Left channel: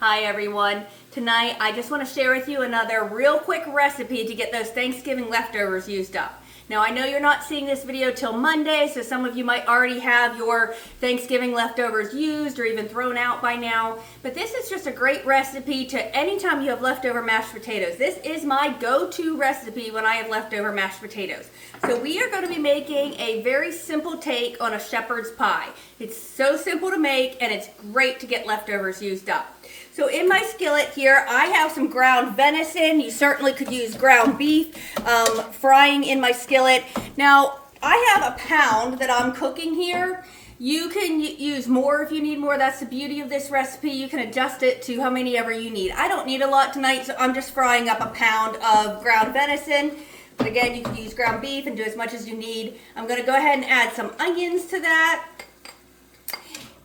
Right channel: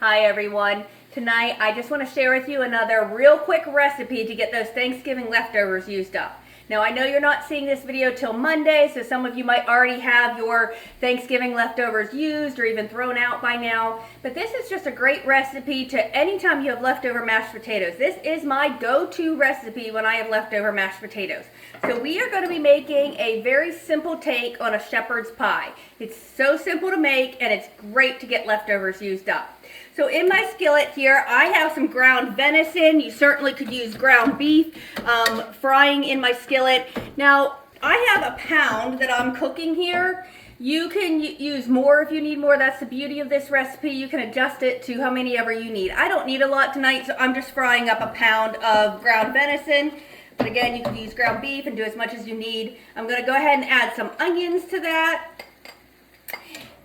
Hi everyone. Tonight I just want to share with you another real quick recipe to get those Thanksgiving leftovers used up. Now I know you're not seeing this video till Monday, so some of you might already have your Thanksgiving leftovers used or even thrown out by now, but this is just a great recipe to anytime you have leftover mashed potatoes. This is my go-to recipe when I have leftover mashed potatoes. So we are going to be making a very simple take on a shepherd's pie. It's so simple to make and it's great to get leftovers used up. So in my skillet here, I have some ground venison. You certainly could use ground beef, frying in my skillet. Now, I have a pound that I'm cooking here. You can use more if you need more. That's the beauty of this recipe. You can adjust it to how many ever you need. I don't need a lot tonight, so I'm just frying up a pound of ground venison. But again, you can use ground beef and do as much as you need. I'm gonna go ahead and add some onions to that.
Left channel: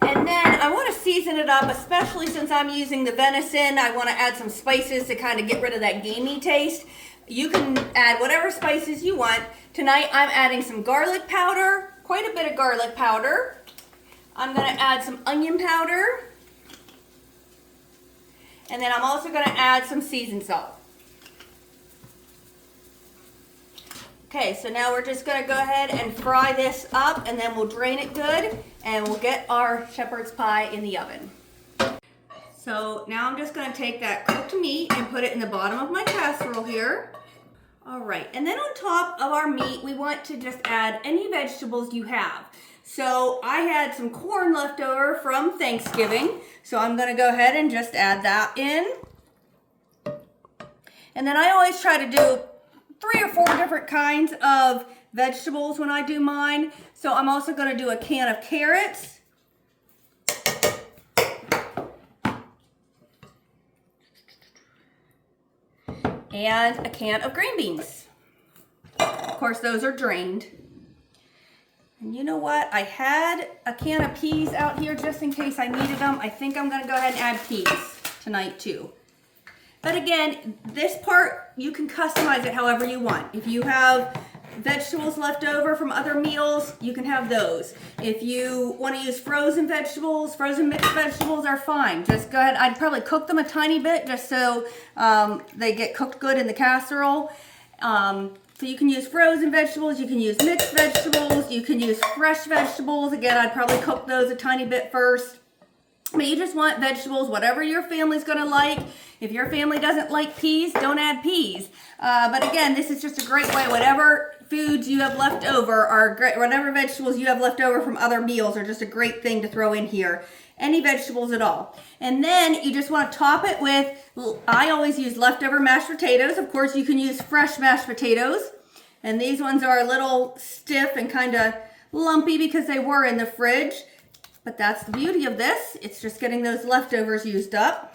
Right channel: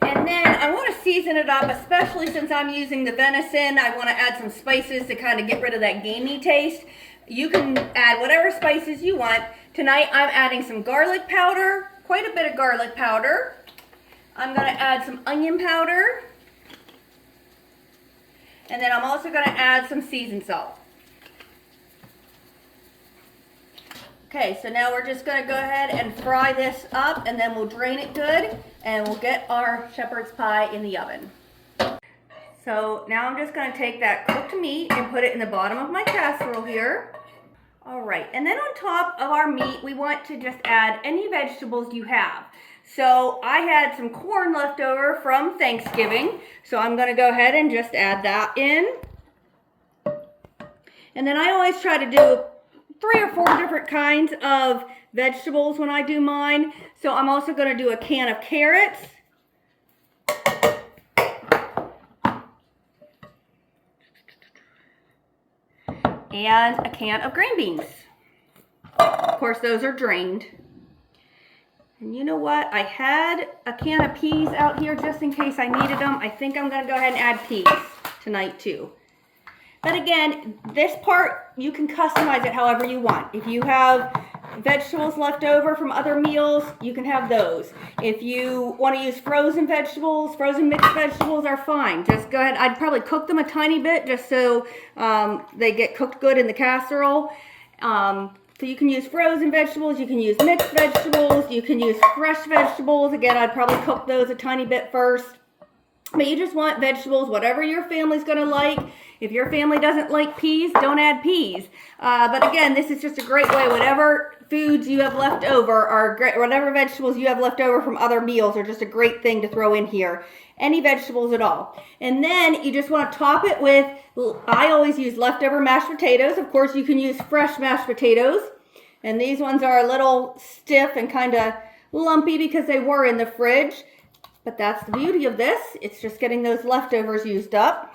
And then I want to season it up, especially since I'm using the venison. I want to add some spices to kind of get rid of that gamey taste. You can add whatever spices you want. Tonight I'm adding some garlic powder, quite a bit of garlic powder. I'm going to add some onion powder. And then I'm also going to add some seasoned salt. Okay, so now we're just going to go ahead and fry this up, and then we'll drain it good and we'll get our shepherd's pie in the oven. So now I'm just going to take that cooked meat and put it in the bottom of my casserole here. All right, and then on top of our meat, we want to just add any vegetables you have. So I had some corn left over from Thanksgiving, so I'm going to go ahead and just add that in. And then I always try to do 3 or 4 different kinds of vegetables when I do mine. So I'm also going to do a can of carrots. And a can of green beans. Of course, those are drained. And you know what? I had a can of peas out here just in case I needed them. I think I'm going to go ahead and add peas tonight too. But again, this part, you can customize it however you want. If you have vegetables left over from other meals, you can have those. If you want to use frozen vegetables, frozen mixed vegetables are fine. Just go ahead. I'd probably cook them a tiny bit just so they get cooked good in the casserole. So you can use frozen vegetables, you can use mixed vegetables, you can use fresh vegetables. Again, I'd probably cook those a tiny bit first. But you just want vegetables, whatever your family's going to like. If your family doesn't like peas, don't add peas. But again, this is just a great way. Whatever foods you have left over, or whatever vegetables you have left over from other meals are just a great thing to throw in here. Any vegetables at all. And then you just want to top it with, I always use leftover mashed potatoes. Of course, you can use fresh mashed potatoes. And these ones are a little stiff and kind of lumpy because they were in the fridge. But that's the beauty of this. It's just getting those leftovers used up.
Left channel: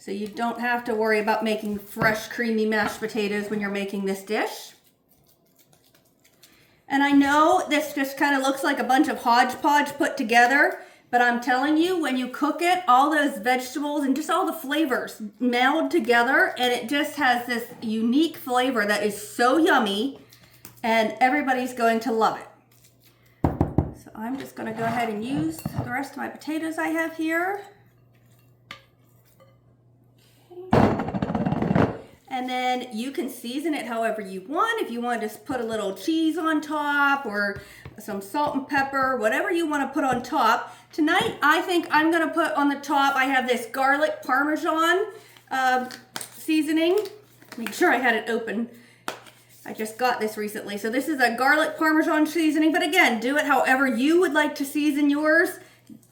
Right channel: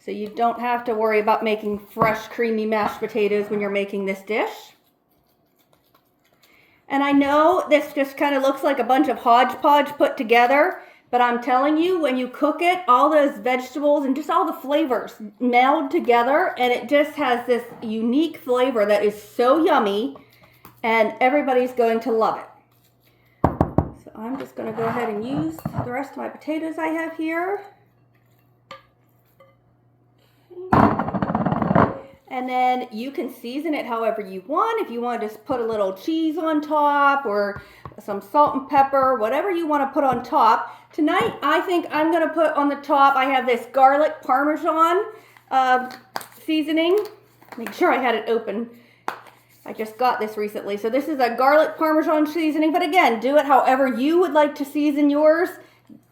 So you don't have to worry about making fresh, creamy mashed potatoes when you're making this dish. And I know this just kind of looks like a bunch of hodgepodge put together, but I'm telling you, when you cook it, all those vegetables and just all the flavors meld together, and it just has this unique flavor that is so yummy, and everybody's going to love it. I'm just going to go ahead and use the rest of my potatoes I have here. Okay. And then you can season it however you want. If you want to just put a little cheese on top or some salt and pepper, whatever you want to put on top. Tonight, I think I'm going to put on the top, I have this garlic parmesan seasoning. Make sure I had it open. I just got this recently. So this is a garlic parmesan seasoning, but again, do it however you would like to season yours.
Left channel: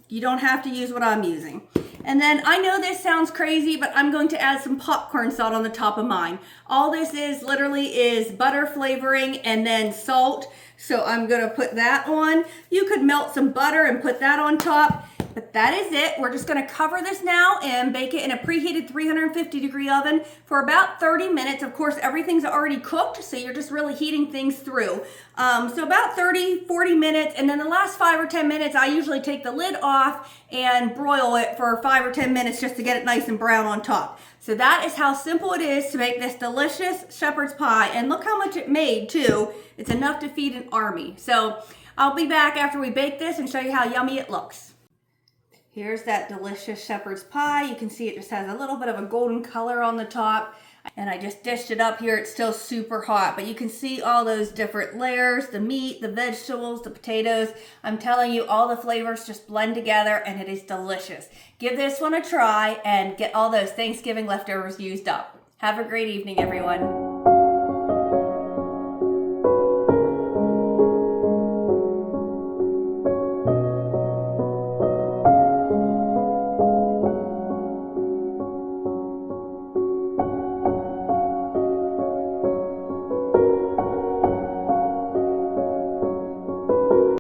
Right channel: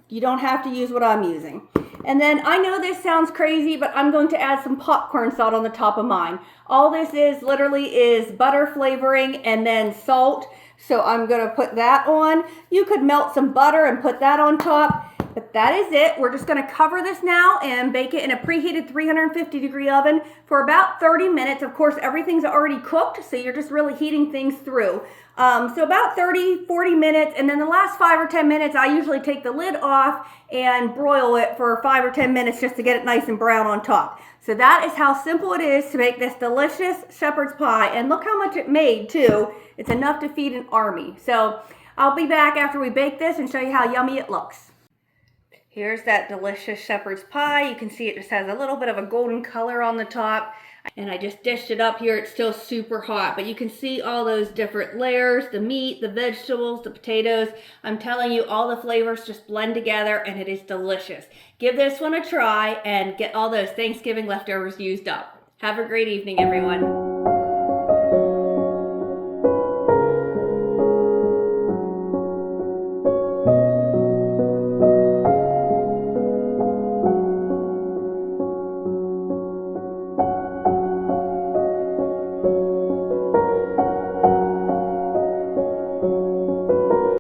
You don't have to use what I'm using. And then I know this sounds crazy, but I'm going to add some popcorn salt on the top of mine. All this is literally is butter flavoring and then salt. So I'm going to put that on. You could melt some butter and put that on top. But that is it. We're just going to cover this now and bake it in a preheated 350-degree oven for about 30 minutes. Of course, everything's already cooked, so you're just really heating things through. So about 30-40 minutes, and then the last 5 or 10 minutes, I usually take the lid off and broil it for 5 or 10 minutes just to get it nice and brown on top. So that is how simple it is to make this delicious shepherd's pie. And look how much it made, too. It's enough to feed an army. So I'll be back after we bake this and show you how yummy it looks. Here's that delicious shepherd's pie. You can see it just has a little bit of a golden color on the top. And I just dished it up here. It's still super hot, but you can see all those different layers, the meat, the vegetables, the potatoes. I'm telling you, all the flavors just blend together and it is delicious. Give this one a try and get all those Thanksgiving leftovers used up. Have a great evening, everyone.